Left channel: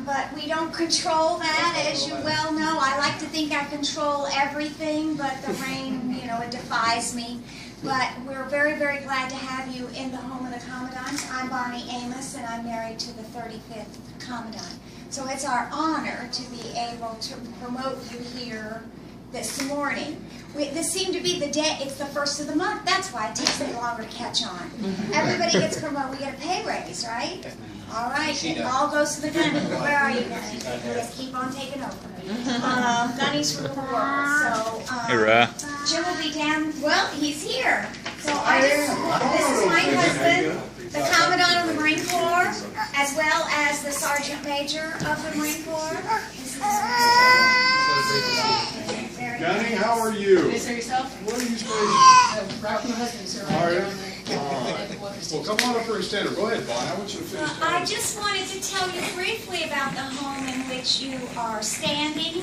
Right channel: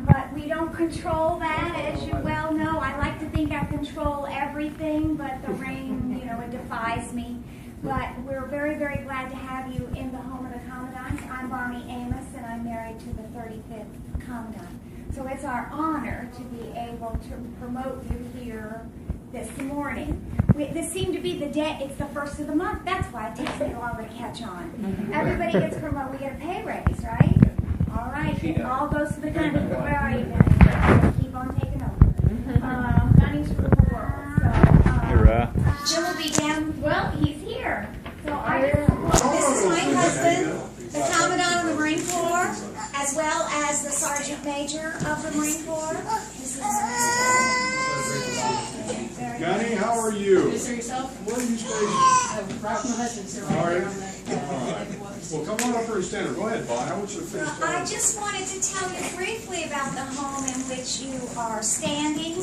But we don't control that, as you well know. I like to think I control everything, but the rain, you know, it defies me. But we're very, very glad to have you in the home of the Commandants. I'm Barney Amos, and I'm married to the 35th Commandant. So it's our honor to be able to promote you here this morning. This seemed to be the day, it's the first of the month. That's why it takes a little longer to catch on. Everybody gets promoted. We get a pay raise, right? All right. It all goes to the gunny. Where are you guys? Just keep on taking over. Gunny's rule the world. So Jim will be down. Well, he's here. So this is my husband, the Commandant of the Marine Corps, as well as the Sergeant Major of the Marine Corps. This is Gunny, how are you? Can you say yourself? What are you supposed Ralph, my husband, sir, All right right. there on All right. Well, come on up for a standard. Go ahead, Bonnie. I want you to finish. I just wanted to tell you briefly about the home in which you are standing.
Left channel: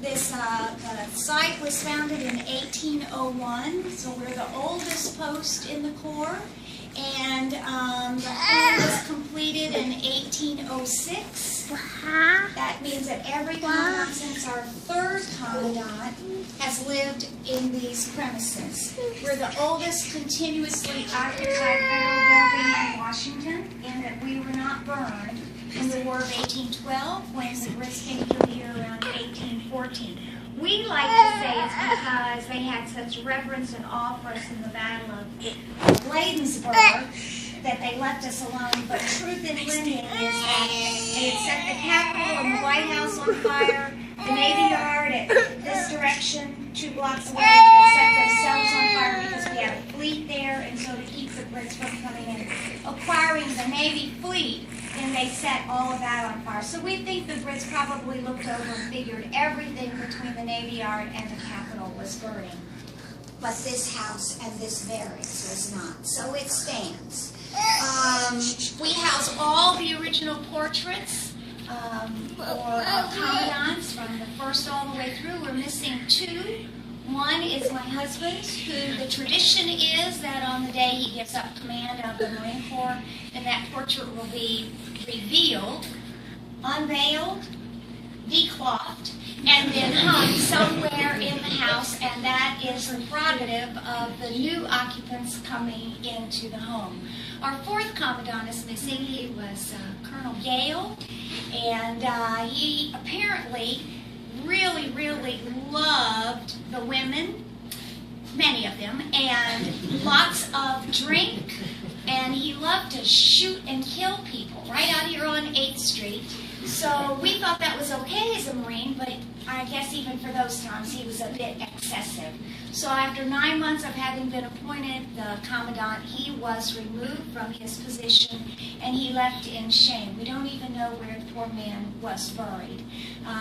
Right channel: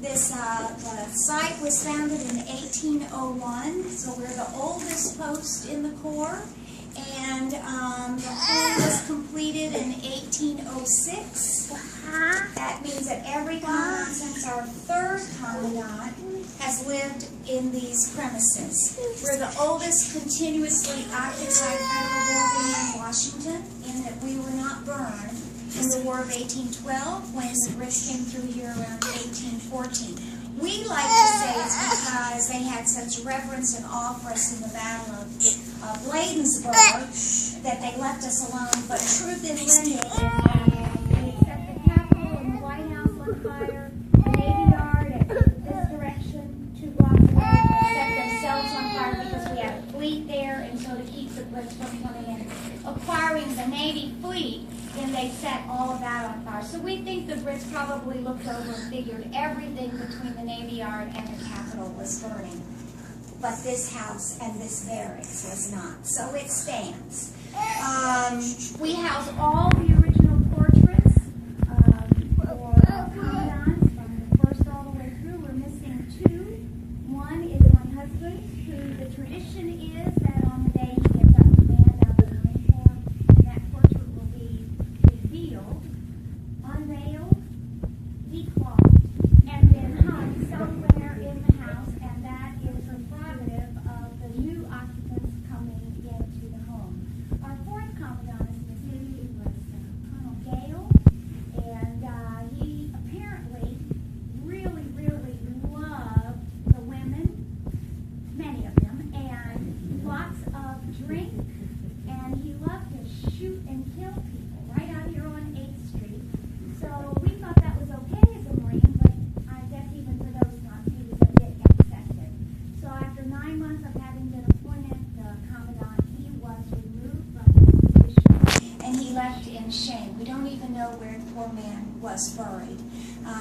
This the site was founded in 1801, so we're the oldest post in the Corps. And the home was completed in 1806. That means that every Commandant since our third Commandant has lived in these premises. We're the oldest continuously occupied federal building in Washington, in that we were not burned in the War of 1812 when the Brits came through here around 1814. We like to say it's because they had such reverence and awe for us in the Battle of Bladensburg that they left us alone. But truth in lending is that they had set the Capitol and the White House on fire, the Navy Yard at this direction, 2 blocks away, and set themselves on fire because we had a fleet there, and so to keep the Brits from coming in, acquiring the Navy fleet, then they set all of that on fire. So we think the Brits probably looked over and figured everything between the Navy Yard and the Capitol was burning. But this house and this barracks was not. So it stands. We house all the original portraits for our Commandants from the first all the way through. We're missing 2. One is my husband, who the tradition is that on the day he gives up command of the Marine Corps, and that portrait will be revealed, unveiled, declothed, and then hung somewhere in the house, and that is the prerogative of the new occupants coming into the home. Our 4th Commandant is missing. He was Colonel Gale, and he apparently really, really loved the women, many of them, and lots of drink, and he loved to shoot and kill people right out here on 8th Street. So we thought that was okay as a Marine, but I guess even for those times he was a bit excessive. So after 9 months of having been appointed the Commandant, he was removed from his position, and he left in shame. We don't even know where the poor man was buried.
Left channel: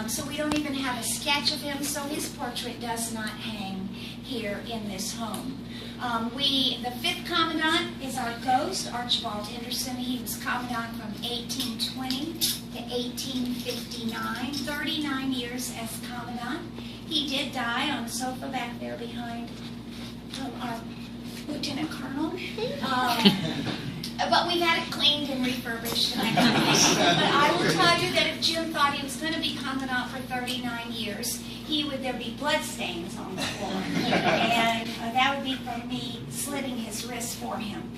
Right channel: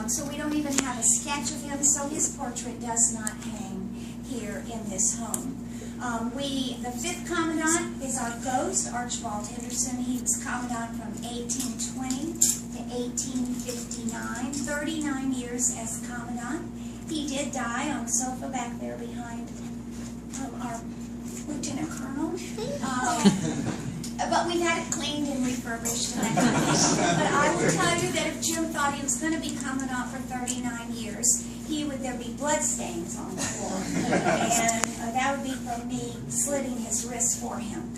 So we don't even have a sketch of him, so his portrait does not hang here in this home. The 5th Commandant is our ghost, Archibald Henderson. He was Commandant from 1820 to 1859, 39 years as Commandant. He did die on the sofa back there behind our Lieutenant Colonel. But we've had it cleaned and refurbished and that kind of thing. But I will tell you that if Jim thought he was going to be Commandant for 39 years, there'd be blood stains on the floor. And that would be from me slitting his wrist for him.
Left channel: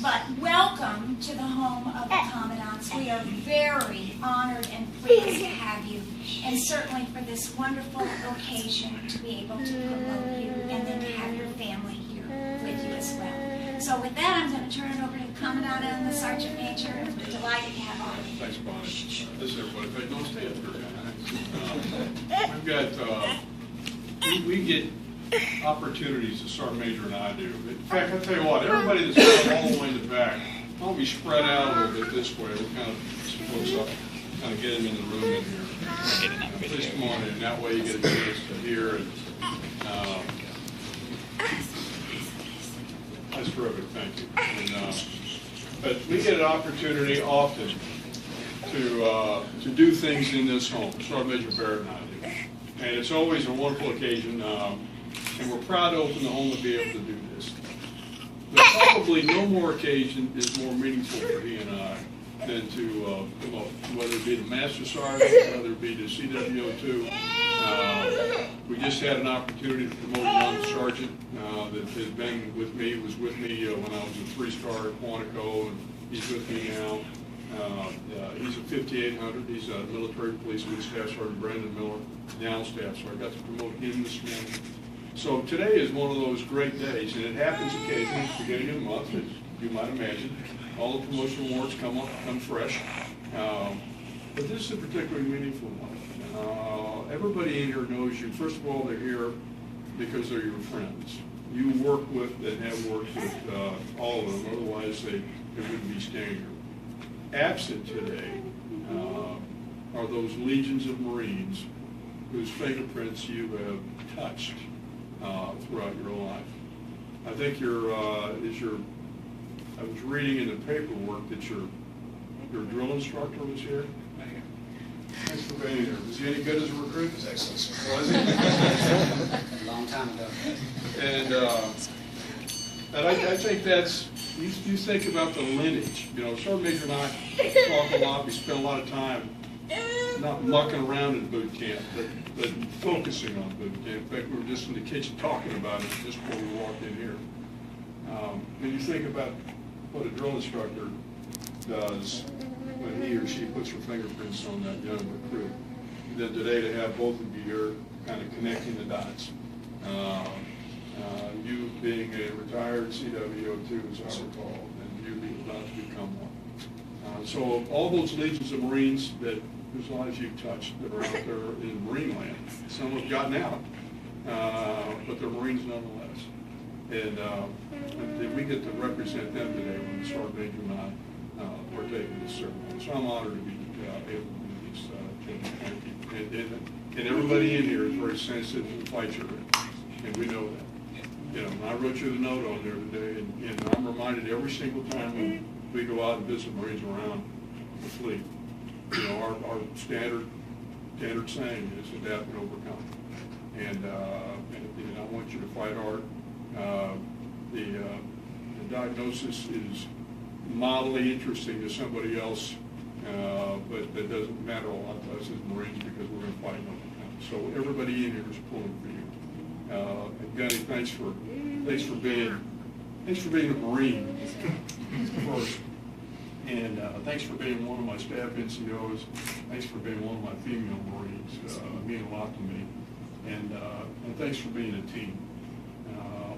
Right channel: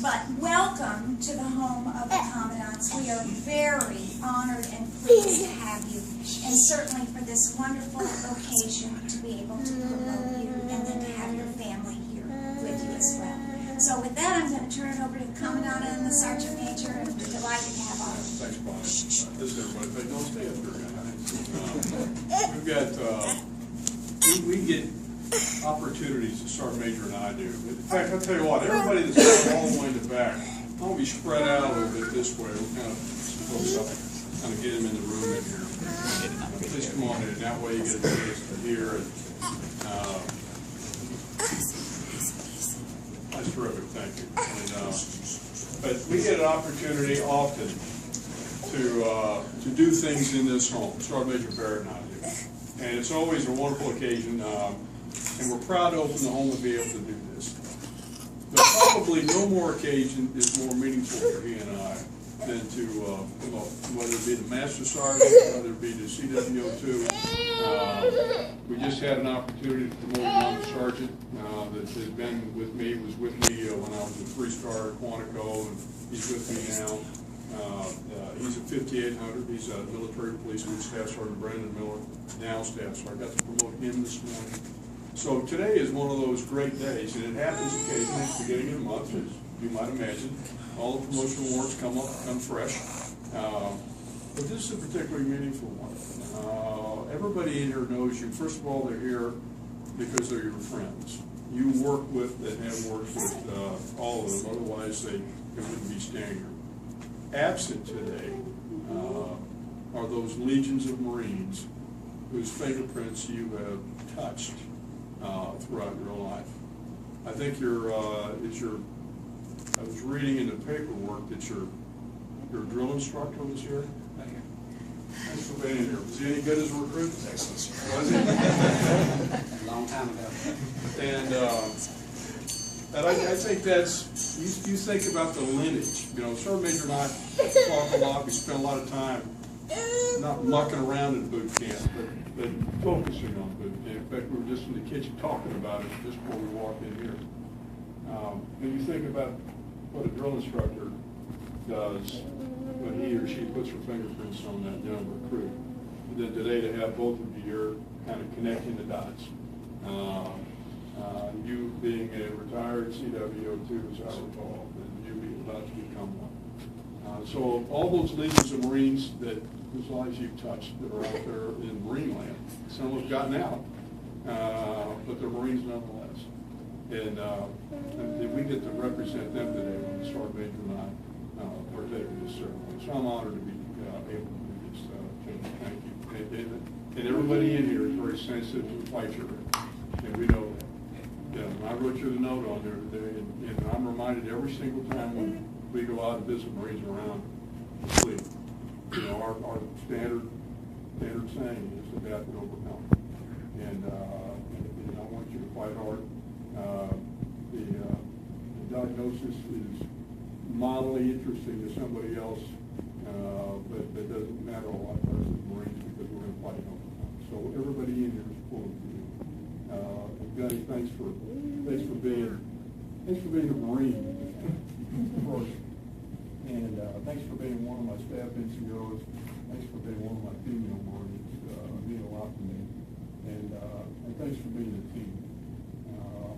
But welcome to the home of the Commandants. We are very honored and pleased to have you. And certainly for this wonderful occasion to be able to promote you and then to have your family here with you as well. So with that, I'm going to turn it over to the Commandant and the Sergeant Major, and we're delighted to have all of you. Thanks, Bonnie. Listen, everybody, if I don't stay up here, we've got, we get opportunities that Sergeant Major and I do. In fact, I'll tell you what, everybody that's all the way in the back, why don't we spread out a little bit this way? We'll kind of split up, kind of get them in the room in here. Please come on in. That way you get a chance to hear it. That's terrific, thank you. And, but we get an opportunity often to do things in this home. Sergeant Major Barrett and I do. And it's always a wonderful occasion, and we're proud to open the home and be able to do this. But probably no more occasion is more meaningful for he and I than to promote, whether it be the Master Sergeant, whether it be the CWO2. We just had an opportunity to promote a young sergeant that has been with me, was with me when I was a 3-star at Quantico, and he's with me now. He's a 5800. He's a military policeman, Staff Sergeant Brandon Miller, now staff. So I got to promote him this morning. So today is one of those great days, and it happens occasionally at the beginning of the month, as you might imagine. All the promotion awards come fresh. But this is a particularly meaningful one. Everybody in here knows you. First of all, they're here because they're your friends. You work with and have worked with all of them, otherwise they wouldn't be standing here. Absent today are those legions of Marines whose fingerprints you have touched throughout your life. I think I was reading in the paperwork that your drill instructor was here. Thanks for being here. Was he any good as a recruit? Excellent, sir. Was he? A long time ago. And I think that's, you think about the lineage. You know, Sergeant Major and I talk a lot. We spend a lot of time not mucking around in boot camp, but focusing on boot camp. In fact, we were just in the kitchen talking about it just before we walked in here. When you think about what a drill instructor does when he or she puts her fingerprints on that young recruit, then today to have both of you here kind of connecting the dots. You being a retired CWO2, as I recall, and you being about to become one. So all those legions of Marines whose lives you've touched that are out there in Marine land, some have gotten out, but they're Marines nonetheless. And we get to represent them today when the Sergeant Major and I partake in this ceremony. So I'm honored to be able to do this. Thank you. And everybody in here is very sensitive to the fight you're in, and we know that. You know, and I wrote you the note on there today, and I'm reminded every single time when we go out and visit Marines around the fleet. You know, our standard saying is adapt and overcome. And I want you to fight hard. The diagnosis is mildly interesting to somebody else, but that doesn't matter a lot to us as Marines because we're going to fight and overcome. So everybody in here is pulling for you. And Gunny, thanks for being a Marine first. And thanks for being one of my staff NCOs. Thanks for being one of my female Marines. Mean a lot to me. And thanks for being a team.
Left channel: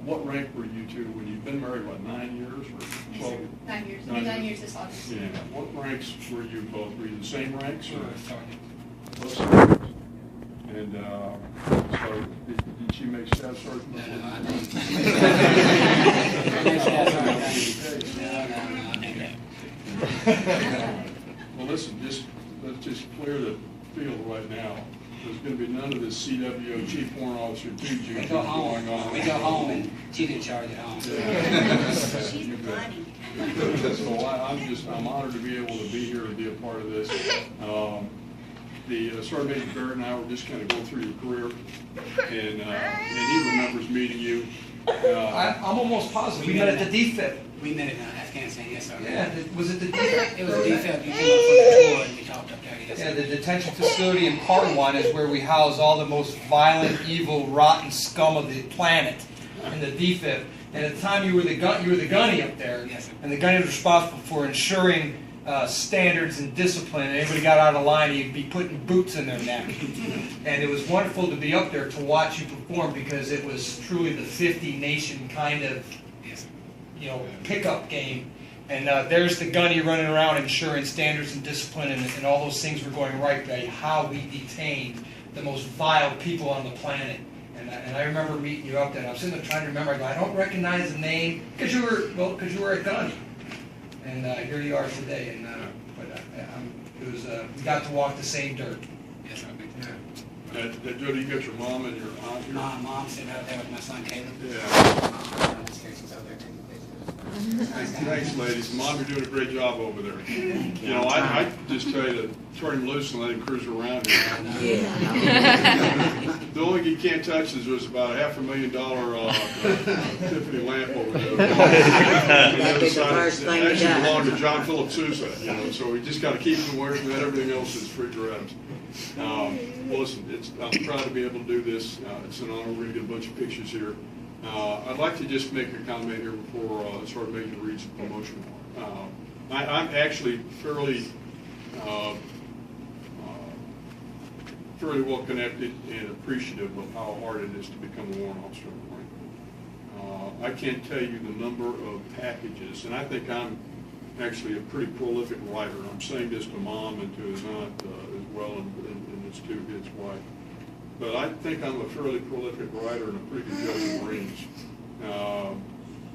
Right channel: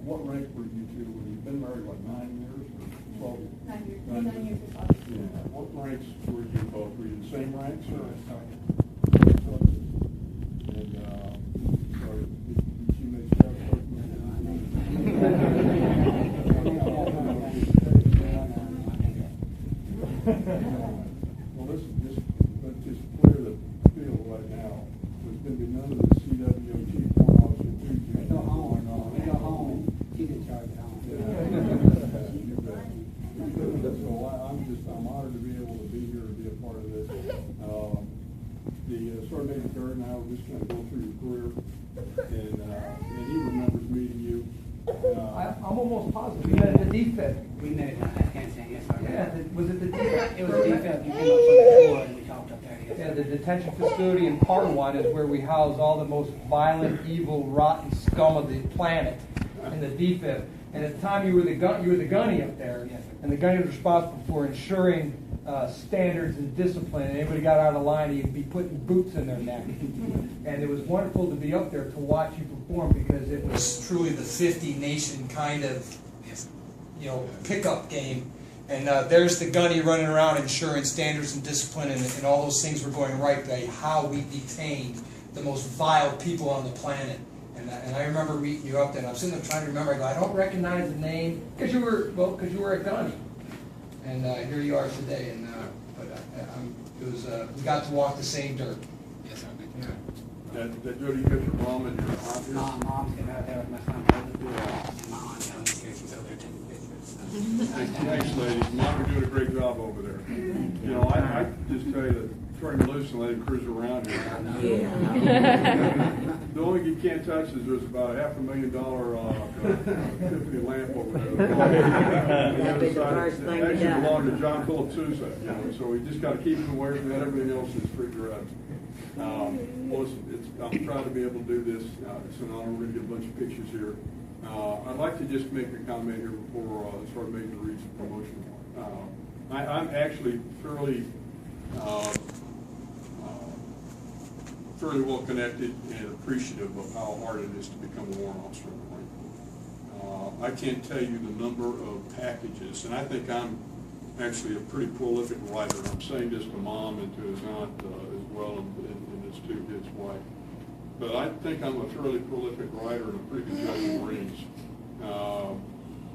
What rank were you two when you've been married, what, 9 years or 12? 9 years. 9 years this August. Yeah. What ranks were you both? Were you the same ranks or? Sergeant. And so did she make staff sergeant? No, I didn't. Well, listen, let's just clear the field right now. There's going to be none of this CWO Chief Warrant Officer duty We go home. going on. We go home and she's in charge at home. She's You bet. funny. So I'm honored to be able to be here and be a part of this. The Sergeant Major Barrett and I were just kind of going through your career, and he remembers meeting you. I'm almost positive. We met at the DFIB. We met in Afghanistan, yes, sir. Yeah, was it the DFIB? It was a DFIB. You came up for the tour and we talked up there, yes, Yeah, sir. the detention facility in Parwan is where we house all the most violent, evil, rotten scum of the planet in the DFIB. And at the time you were the gunny up there. Yes, sir. And the gunny was responsible for ensuring standards and discipline. And anybody got out of line, he'd be putting boots in their neck. And it was wonderful to be up there to watch you perform because it was truly the 50 nation kind of, Yes, sir. pickup game. And there's the gunny running around ensuring standards and discipline and all those things were going right by how we detained the most vile people on the planet. And I remember meeting you up there, and I'm sitting there trying to remember, I don't recognize the name, because you were a gunny. And here you are today, and we got to walk the same dirt. Yes, sir. Jody, you got your mom and your aunt here? My mom's sitting out there with my son Caleb. Yeah. She's over there taking pictures. Thanks, ladies. Mom, you're doing a great job over there. You know, I just tell you to turn him loose and let him cruise around here. The only thing you can't touch is there's about a $500,000 Tiffany lamp over there. The other side, it actually belonged to John Philip Sousa, you know, so we just got to keep him away from that. Everything else is free grabs. Well, listen, I'm proud to be able to do this. It's an honor. We're going to get a bunch of pictures here. I'd like to just make a comment here before Sergeant Major reads the promotion warrant. I'm actually fairly well connected and appreciative of how hard it is to become a warrant officer in the Marine Corps. I can't tell you the number of packages, and I think I'm actually a pretty prolific writer. I'm saying this to Mom and to his aunt as well, and his wife. But I think I'm a fairly prolific writer and a pretty good judge of Marines.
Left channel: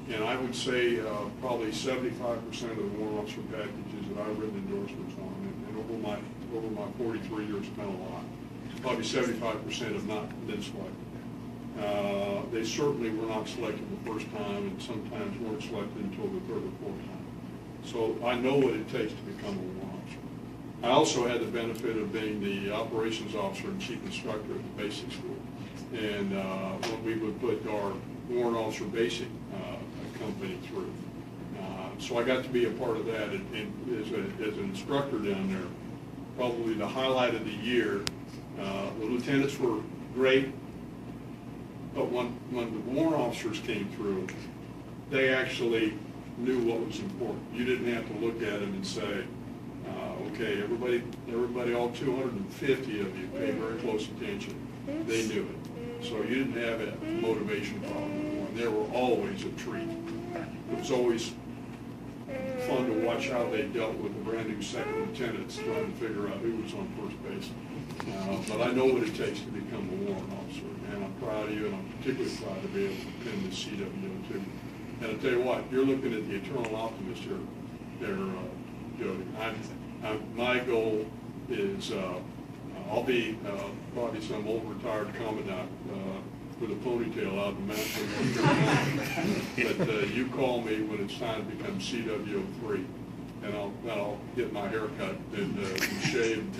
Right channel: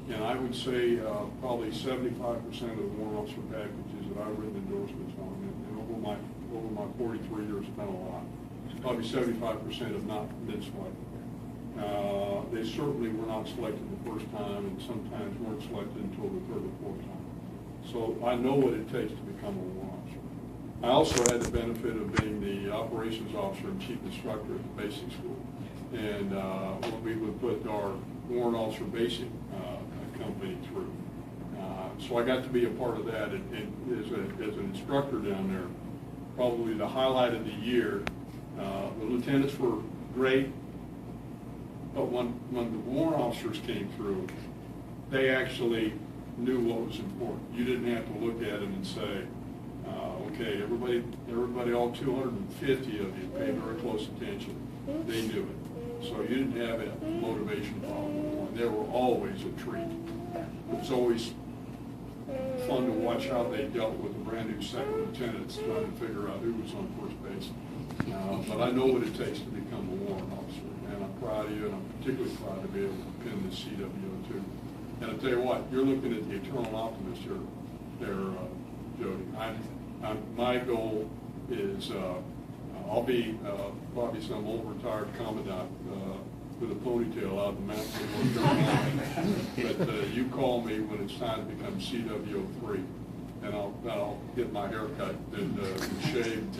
And I would say probably 75% of the warrant officer packages that I've written endorsements on, and over my 43 years, it's been a lot. Probably 75% have not been selected. They certainly were not selected the first time, and sometimes weren't selected until the third or fourth time. So I know what it takes to become a warrant officer. I also had the benefit of being the operations officer and chief instructor at the basic school. And when we would put our warrant officer basic company through. So I got to be a part of that. And as an instructor down there, probably the highlight of the year, the lieutenants were great, but when the warrant officers came through, they actually knew what was important. You didn't have to look at them and say, okay, everybody, all 250 of you pay very close attention. They knew it. So you didn't have a motivation problem. They were always a treat. It was always fun to watch how they dealt with the brand new second lieutenants trying to figure out who was on first base. But I know what it takes to become a warrant officer, and I'm proud of you, and I'm particularly proud to be able to pin this CWO2. And I'll tell you what, you're looking at the eternal optimist here, Jody. My goal is I'll be probably some old retired commandant with a ponytail out in the mountains of North Carolina. But you call me when it's time to become CWO3, and I'll get my hair cut and shave and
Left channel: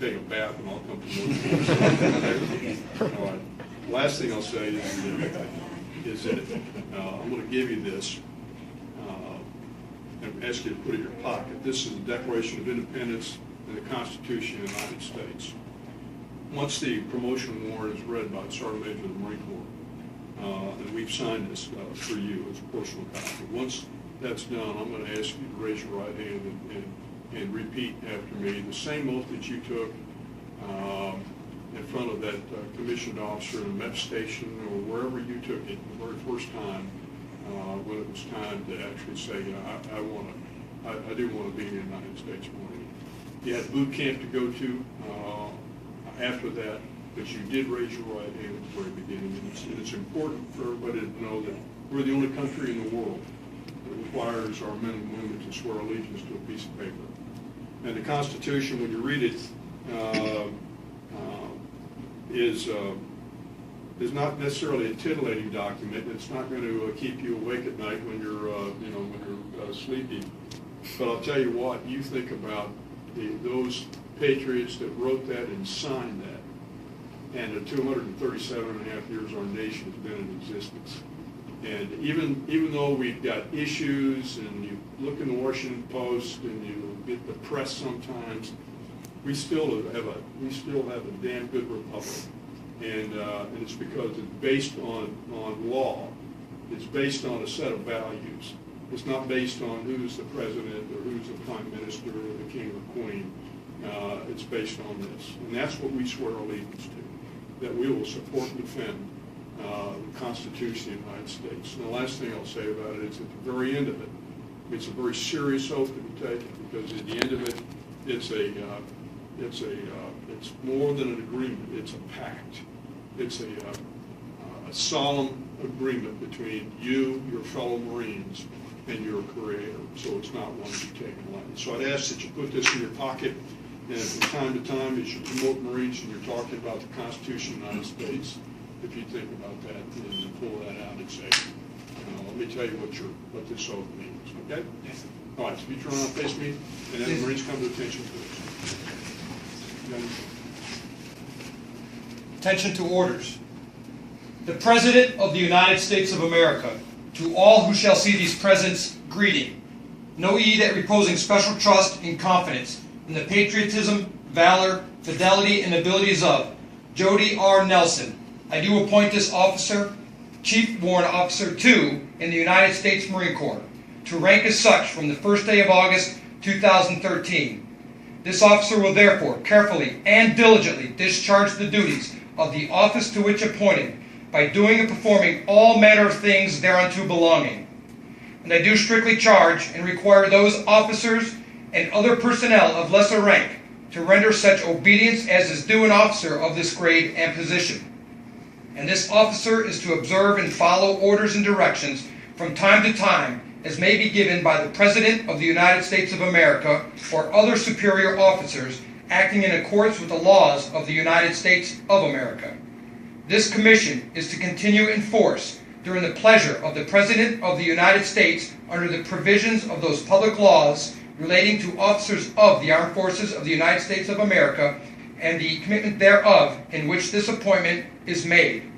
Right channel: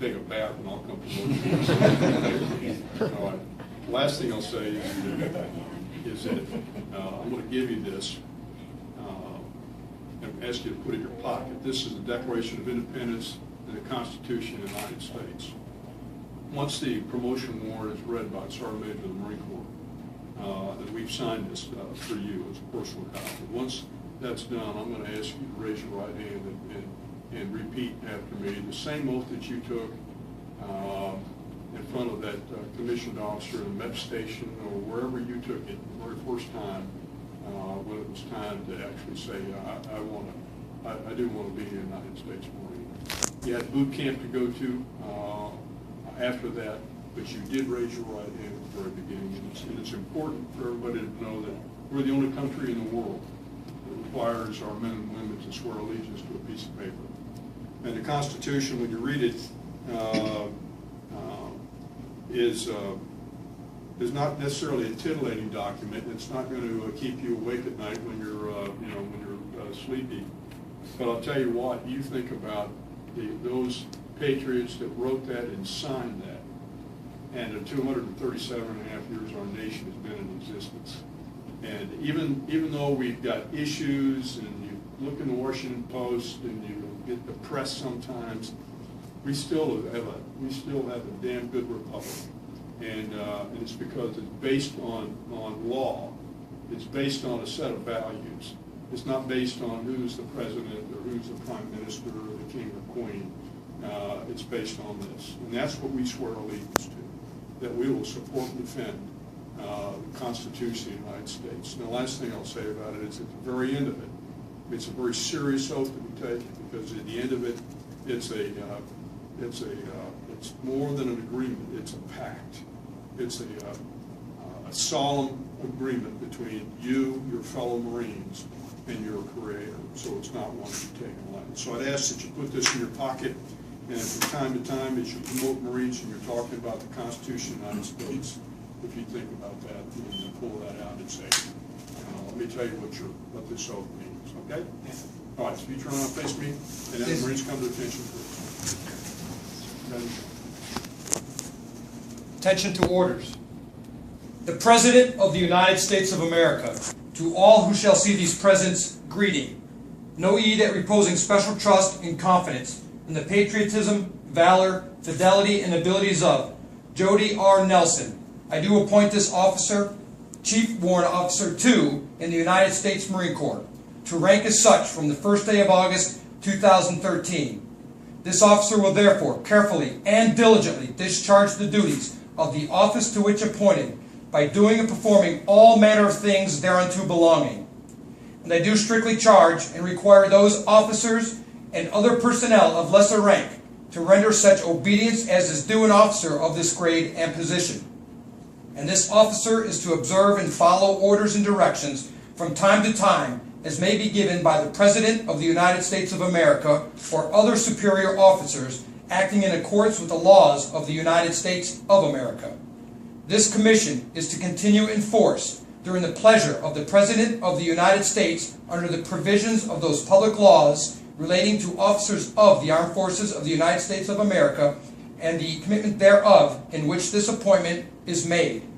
take a bath, and I'll come promote you. All right. Last thing I'll say is that I'm going to give you this and ask you to put it in your pocket. This is the Declaration of Independence and the Constitution of the United States. Once the promotion warrant is read by the Sergeant Major of the Marine Corps, and we've signed this for you as a personal copy, once that's done, I'm going to ask you to raise your right hand and repeat after me the same oath that you took in front of that commissioned officer in a MEP station or wherever you took it the very first time when it was time to actually say, I do want to be in the United States Marine. You had boot camp to go to after that, but you did raise your right hand at the very beginning. And it's important for everybody to know that we're the only country in the world that requires our men and women to swear allegiance to a piece of paper. And the Constitution, when you read it, is not necessarily a titillating document. It's not going to keep you awake at night when you're sleepy. But I'll tell you what, you think about those patriots that wrote that and signed that, and the 237 and a half years our nation has been in existence. And even though we've got issues, and you look in the Washington Post and you get depressed sometimes, we still have a damn good republic. And it's because it's based on law. It's based on a set of values. It's not based on who's the president or who's the prime minister or the king or queen. It's based on this. And that's what we swear allegiance to, that we will support and defend the Constitution of the United States. And the last thing I'll say about it is at the very end of it, it's a very serious oath to be taken, because at the end of it, it's more than an agreement. It's a pact. It's a solemn agreement between you, your fellow Marines, and your Creator. So it's not one you take lightly. So I'd ask that you put this in your pocket, and from time to time, as you promote Marines and you're talking about the Constitution of the United States, if you think about that, and you pull that out and say, let me tell you what this oath means, okay? Yes, sir. All right, so you turn around and face me, and then the Marines come to attention, please. Then- Attention to orders. The President of the United States of America, to all who shall see these presents, greeting. Know ye that reposing special trust and confidence in the patriotism, valor, fidelity, and abilities of Jody R. Nelson, I do appoint this officer, Chief Warrant Officer 2 in the United States Marine Corps, to rank as such from the first day of August 2013. This officer will therefore carefully and diligently discharge the duties of the office to which appointed by doing and performing all manner of things thereunto belonging. And I do strictly charge and require those officers and other personnel of lesser rank to render such obedience as is due an officer of this grade and position. And this officer is to observe and follow orders and directions from time to time as may be given by the President of the United States of America or other superior officers acting in accordance with the laws of the United States of America. This commission is to continue in force during the pleasure of the President of the United States under the provisions of those public laws relating to officers of the Armed Forces of the United States of America and the commitment thereof in which this appointment is made.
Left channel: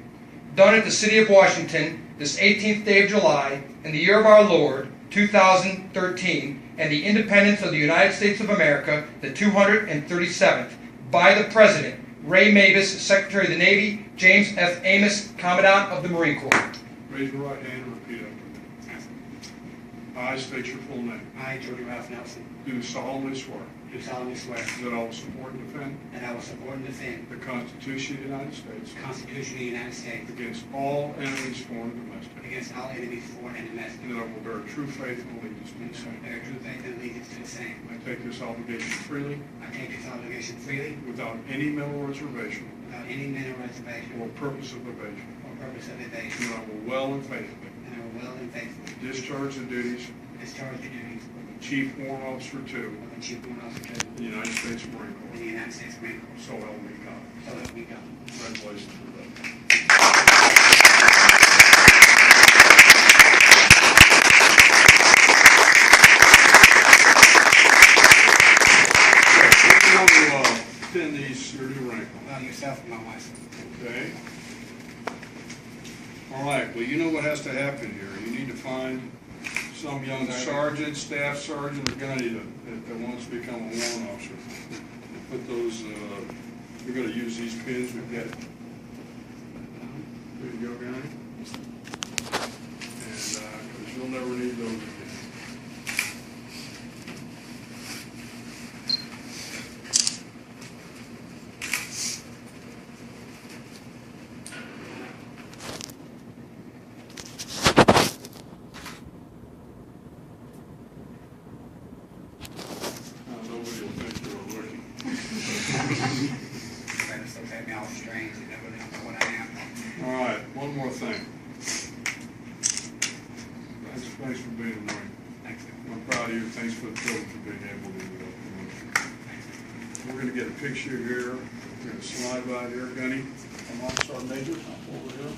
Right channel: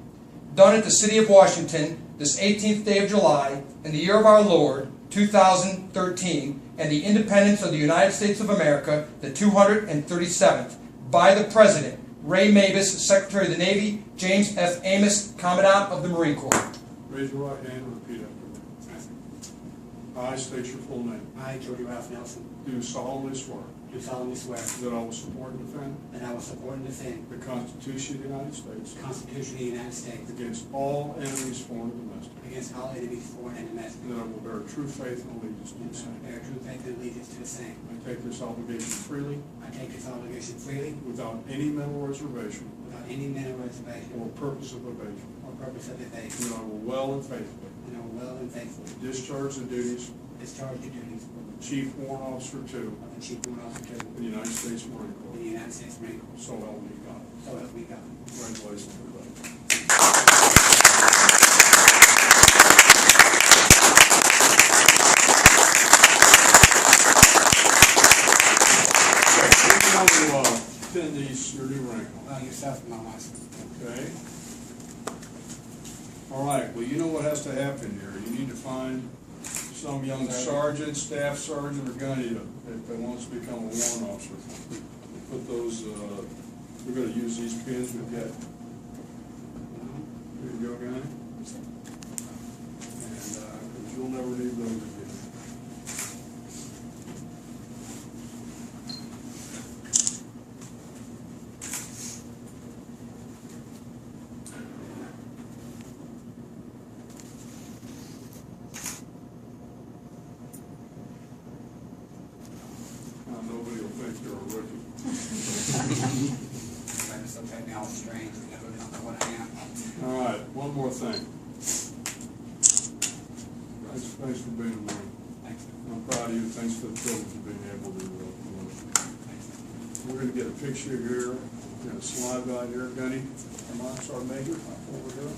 Done at the City of Washington, this 18th day of July, in the year of our Lord, 2013, and the independence of the United States of America, the 237th, by the President, Ray Mavis, Secretary of the Navy, James F. Amos, Commandant of the Marine Corps. Raise your right hand and repeat after me. I state your full name. I, Jody Ralph Nelson, Do solemnly swear do solemnly swear that I will support and defend that I will support and defend the Constitution of the United States the Constitution of the United States against all enemies, foreign and domestic, against all enemies, foreign and domestic, and that I will bear true faith and allegiance to and the to same. bear true faith and allegiance to the same. I take this obligation freely, I take this obligation freely, without any mental reservation without any mental reservation or purpose of evasion, or purpose of and evasion, that I will well and faithfully and I will well and faithfully discharge the duties discharge the duties of the Chief Warrant Officer 2 of the Chief Warrant Officer in the United States Marine in Corps. the United States Marine Corps. So help me God. So help me God. Congratulations, everybody. Now we'll pin these, your new rank on. Allow yourself and my wife. Okay. All right, well, you know what has to happen here. You need to find some young sergeant, staff sergeant, or gunny that wants to become a warrant officer. Put those, we're gonna use these pins we've got. There you go, gunny. And, 'cause you'll never need those again. Nobody will think you're a rookie. Friends look at me all strange, they never know what I am. All right, one more thing. Thanks for being a Marine. Thanks. I'm proud of you. Thanks for the privilege of being able to. We're going to get a picture here. We're going to slide right here, Gunny. Come on, Sergeant Major. Hop over here.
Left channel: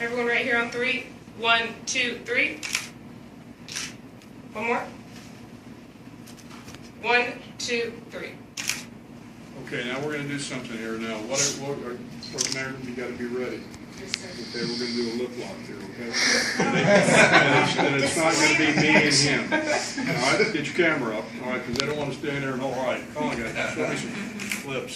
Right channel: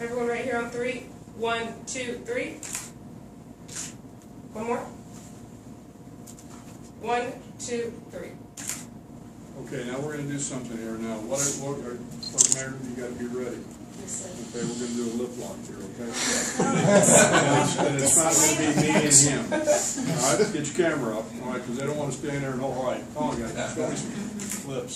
Everyone right here on 3. 1, 2, 3. One more. 1, 2, 3. Okay, now we're going to do something here. Now, Sergeant Major, you got to be ready. Okay, we're going to do a lip lock here, okay? And it's not going to be me and him. All right, get your camera up, all right, because they don't want to stand there and, all right, come on, guys, show me some lips.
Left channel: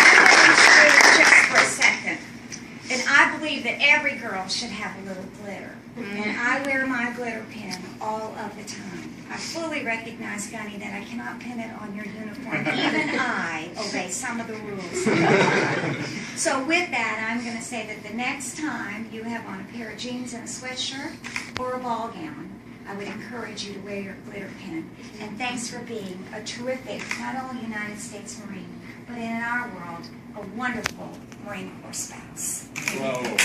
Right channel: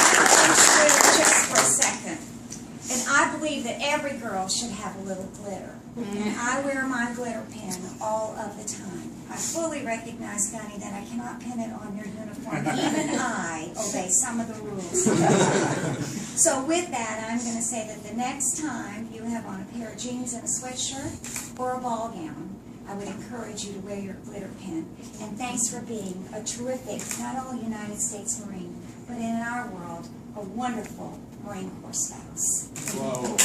Just for a second. And I believe that every girl should have a little glitter. And I wear my glitter pin all of the time. I fully recognize, Gunny, that I cannot pin it on your uniform. Even I obey some of the rules. So with that, I'm going to say that the next time you have on a pair of jeans and a sweatshirt or a ball gown, I would encourage you to wear your glitter pin. And thanks for being a terrific, not only United States Marine, but in our world, a wonderful Marine Corps spouse. Bravo.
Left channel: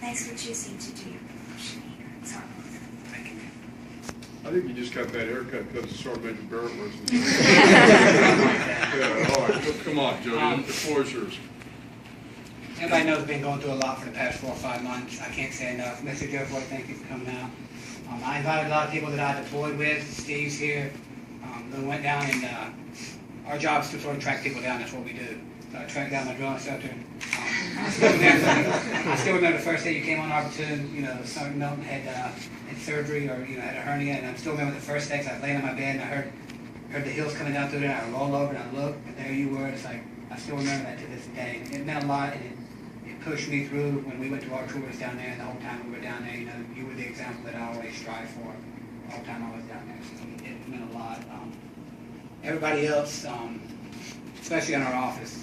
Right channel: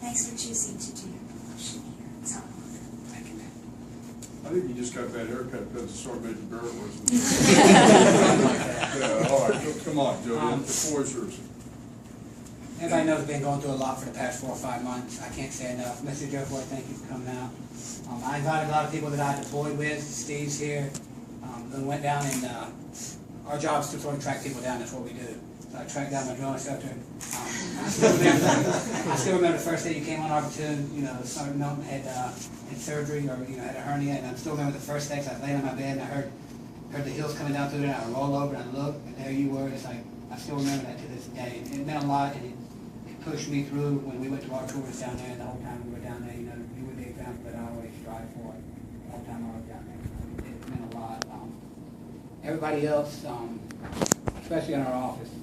Thanks for choosing to do your promotion here. It's our honor. Sergeant Major Barrett was. Yeah, all right, come on, Jody, the floor is yours. Everybody knows I've been going through a lot for the past 4 or 5 months. I can't say enough. Mr. Jeff Boyd, thank you for coming out. I invited a lot of people that I deployed with. Steve's here. We went down and our job is to sort of track people down. That's what we do. So I tracked down my drill instructor. I still remember the first day you came on our platoon. You know, Sergeant Milton had surgery or had a hernia, and I still remember the first day. I was laying on my bed and I heard the hills coming down through there. And I roll over and I look, and there you were. It's like I still remember that to this day. It meant a lot, and it pushed me through when we went to our tours down there. And the whole time we were down there, you were the example that I always strive for. The whole time I was down there, so it meant a lot. Everybody else, especially in our office,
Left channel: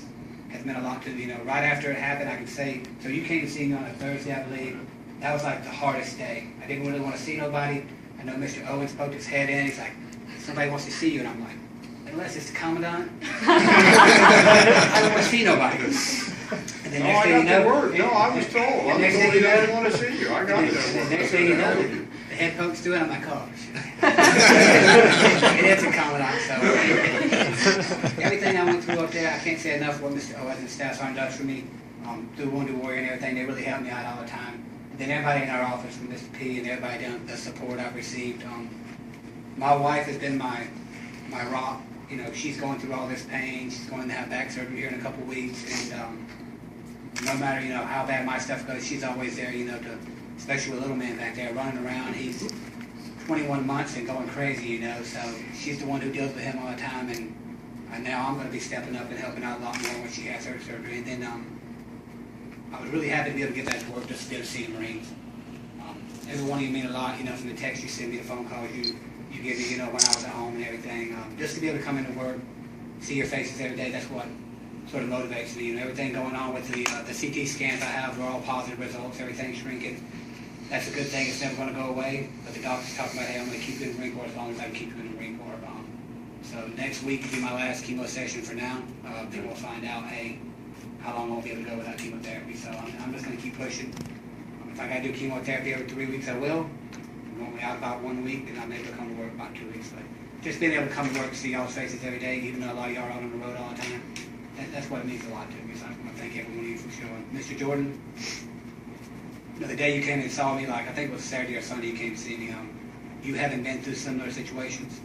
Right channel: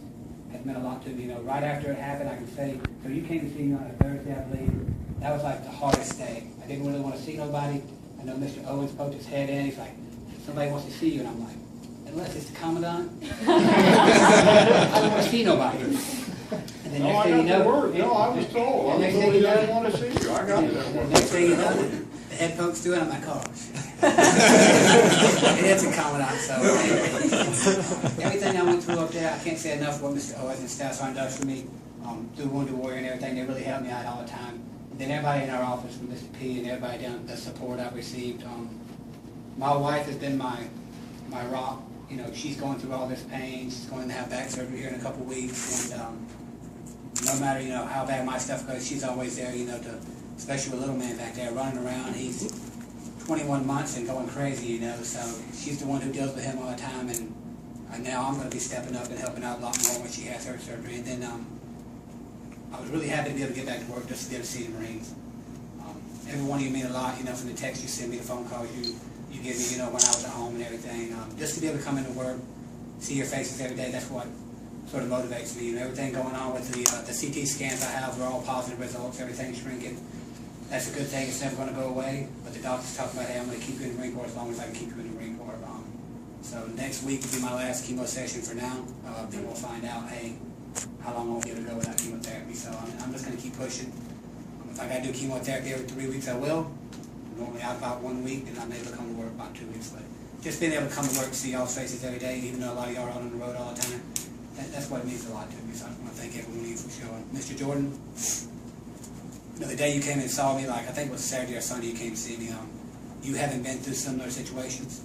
has meant a lot to me. Right after it happened, I can say, so you came to see me on a Thursday, I believe. That was like the hardest day. I didn't really want to see nobody. I know Mr. Owens poked his head in. He's like, somebody wants to see you. And I'm like, unless it's the commandant. I don't want to see nobody. And then next thing you know, No, I was told. I was told he didn't want to see you. I got that and word. next thing you know, the head pokes through it. I'm like, oh. It is a commandant. So everything I went through up there, I can't say enough what Mr. Owens and Staff Sergeant does for me. Through Wounded Warrior and everything, they really help me out all the time. And then everybody in our office, from Mr. P and everybody down, the support I've received. My wife has been my rock. She's going through all this pain. She's going to have back surgery here in a couple weeks, and no matter how bad my stuff goes, she's always there. To, especially with little man back there running around. He's 21 months and going crazy. So she's the one who deals with him all the time, and now I'm going to be stepping up and helping out a lot more when she has her surgery. And then I was really happy to be able to get back to work just to be able to see the Marines. Every one of you mean a lot. From the text you send me, the phone calls you give me, when I was at home and everything. Just to be able to come into work, see your faces every day, that's what sort of motivates me. Everything going on with the CT scans I have are all positive results. Everything's shrinking. That's a good thing. It's never going to go away. But the doctors talk about, hey, I'm going to keep you in the Marine Corps as long as I can keep you in the Marine Corps. So next week will be my last chemo session for now. Then we'll find out, hey, how long I'll be able to go without chemotherapy. So I'm just going to keep pushing. If I got to do chemotherapy every 3 weeks, I will. I'm normally out about 1 week, and I'm able to come to work about 2 weeks. But just being able to come to work and see y'all's faces every day, even though a lot of y'all are out on the road all the time, that's what it means a lot to me. So I want to thank everyone of you for showing. Mr. Jordan, the day you came and saw me, I think it was Saturday or Sunday you came to see me, you haven't been through similar situations.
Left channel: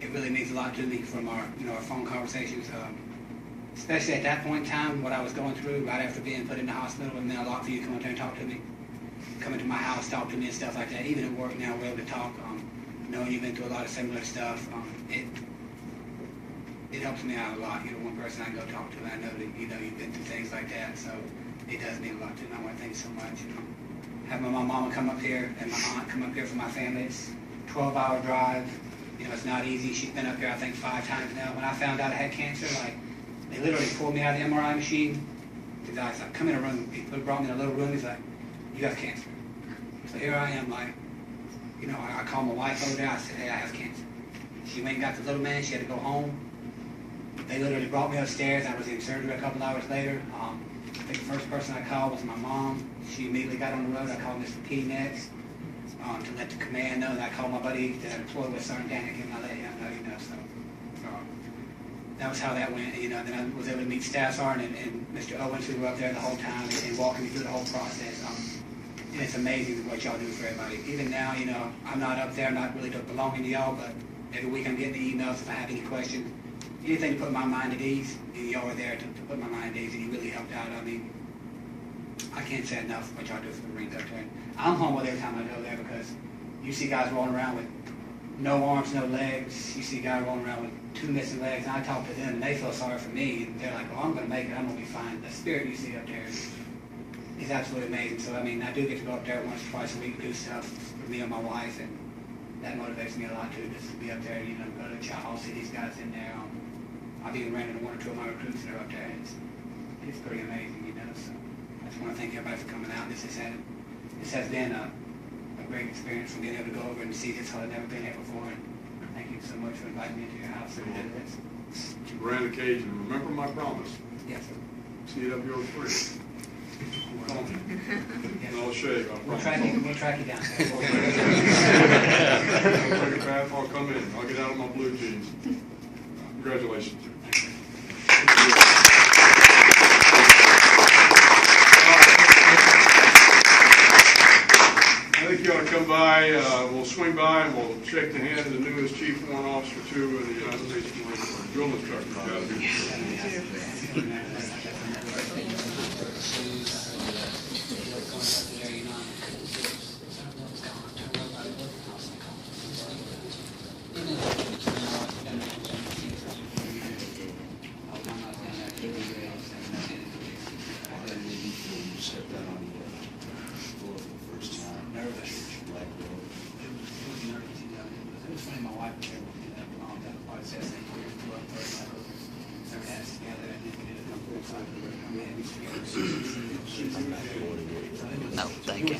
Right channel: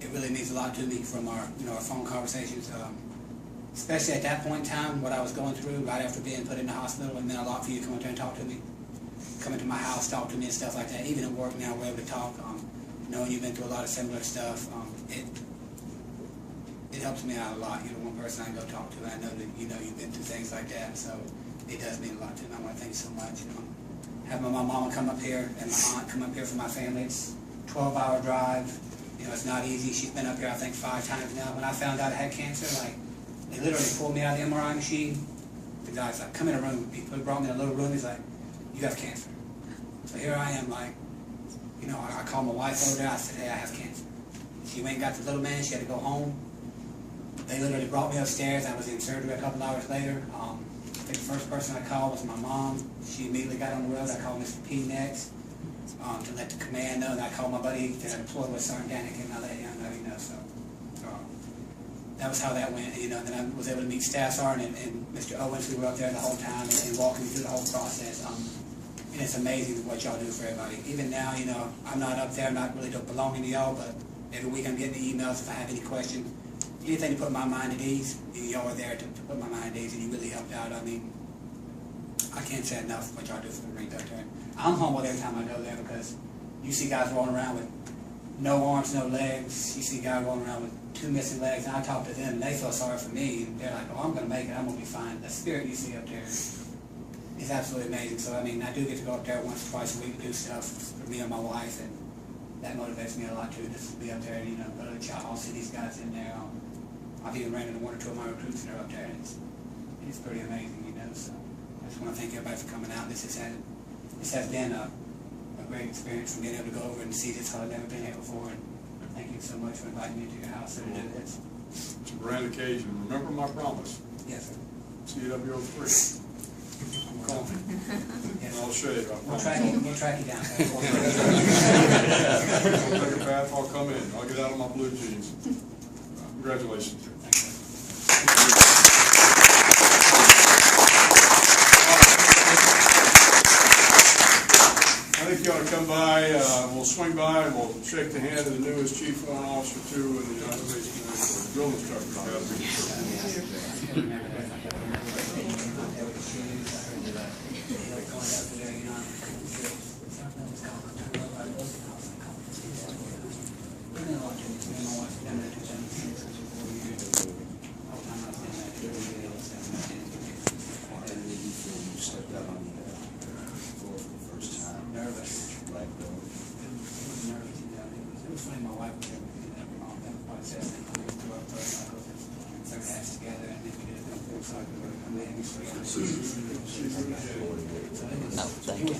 It really means a lot to me from our, our phone conversations. Especially at that point in time, what I was going through right after being put in the hospital, it meant a lot for you to come up there and talk to me. Come into my house, talk to me and stuff like that. Even at work now, we're able to talk. Knowing you've been through a lot of similar stuff, it helps me out a lot. One person I can go talk to, and I know that you've been through things like that, so it does mean a lot to me. I want to thank you so much. Having my mama come up here and my aunt come up here for my family, it's a 12-hour drive. It's not easy. She's been up here, I think, 5 times now. When I found out I had cancer, they literally pulled me out of the MRI machine. The guy's like, come in a room. He brought me in a little room. He's like, you have cancer. So here I am, I called my wife over there. I said, hey, I have cancer. She went and got the little man. She had to go home. They literally brought me upstairs. I was in surgery a couple hours later. I think the first person I called was my mom. She immediately got on the road. I called Mr. P next to let the command know. And I called my buddy that I deployed with Sergeant Danik, and I let him know, so that was how that went. Then I was able to meet Staff Sergeant and Mr. Owens, who were up there the whole time and walking me through the whole process. And it's amazing what y'all do for everybody. Even now, I'm not up there, I'm not really belonging to y'all, but every week I'm getting the emails if I have any questions. Anything to put my mind at ease, y'all are there to put my mind at ease, and you really helped out. I can't say enough what y'all do for the Marines up there. And I'm humbled every time I go there because you see guys rolling around with no arms, no legs. You see guys rolling around with 2 missing legs, and I talk to them, and they feel sorry for me. And they're like, oh, I'm going to make it, I'm going to be fine. The spirit you see up there is absolutely amazing. So, I do get to go up there once or twice a week and do stuff for me and my wife, and that motivates me a lot, too, just to be up there, go to the chow hall, see these guys in there. I've even ran into 1 or 2 of my recruits that are up there, and it's pretty amazing, so I just want to thank everybody for coming out. This has been a great experience from being able to go over and see this. I've never been here before, and thank you so much for inviting me into your house and do this. It's a grand occasion. Remember my promise. Yes, sir. CWO3. I'll shave, I We'll promise. track you down. I'll take a bath, I'll come in, I'll get out of my blue jeans. Congratulations. I think you ought to come by, we'll swing by and we'll shake the hand of the newest Chief Warrant Officer too in the United States Marine Corps, drill instructor. No, thank you.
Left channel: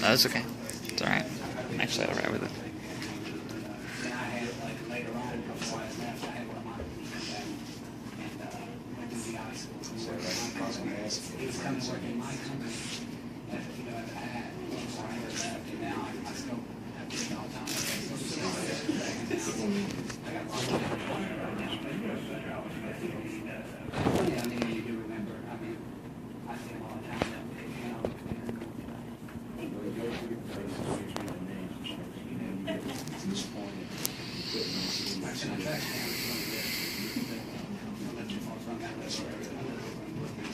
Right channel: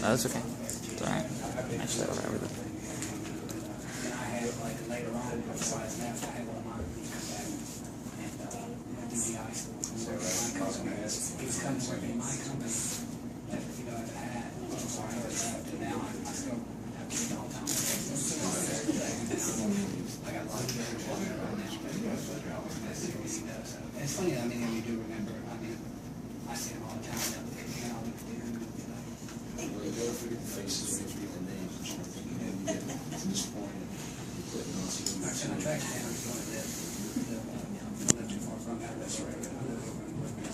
No, it's okay. It's all right. I'm actually all right with it. Then I had, like, later on, before I left, I had one of my come back and went through the ice school. He was coming to work in my company, as you know, as a hat. So I just left, and now I still have to do it all the time. I got a lot of different right now. That's something I mean, you do remember. I mean, I see him all the time. You know, I sent a track down to one of this. Not too far from that. That's where I live over in Brooklyn.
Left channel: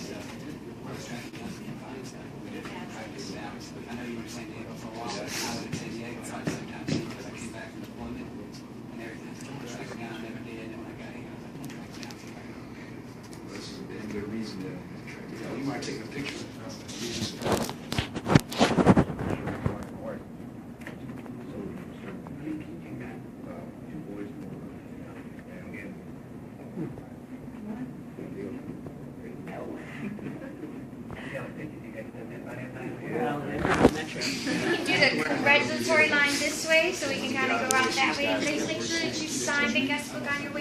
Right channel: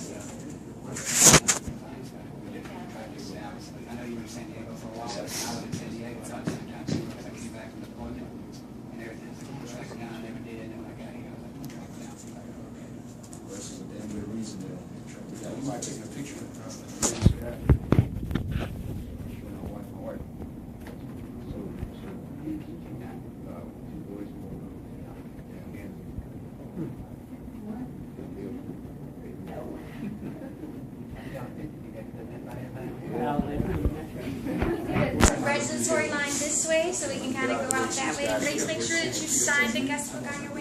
I know you were in San Diego for a while, but I was in San Diego about the same time too, because I came back from deployment and everything. I said, I'm track down. I never did. And then when I got here, I was like, I'm tracking down. See if I can go get it. This is a damn good reason to track it down. You might take a picture of it. Do the congratulatory line this way so we can kind of go out that way. Please make sure that you sign the guest book on your way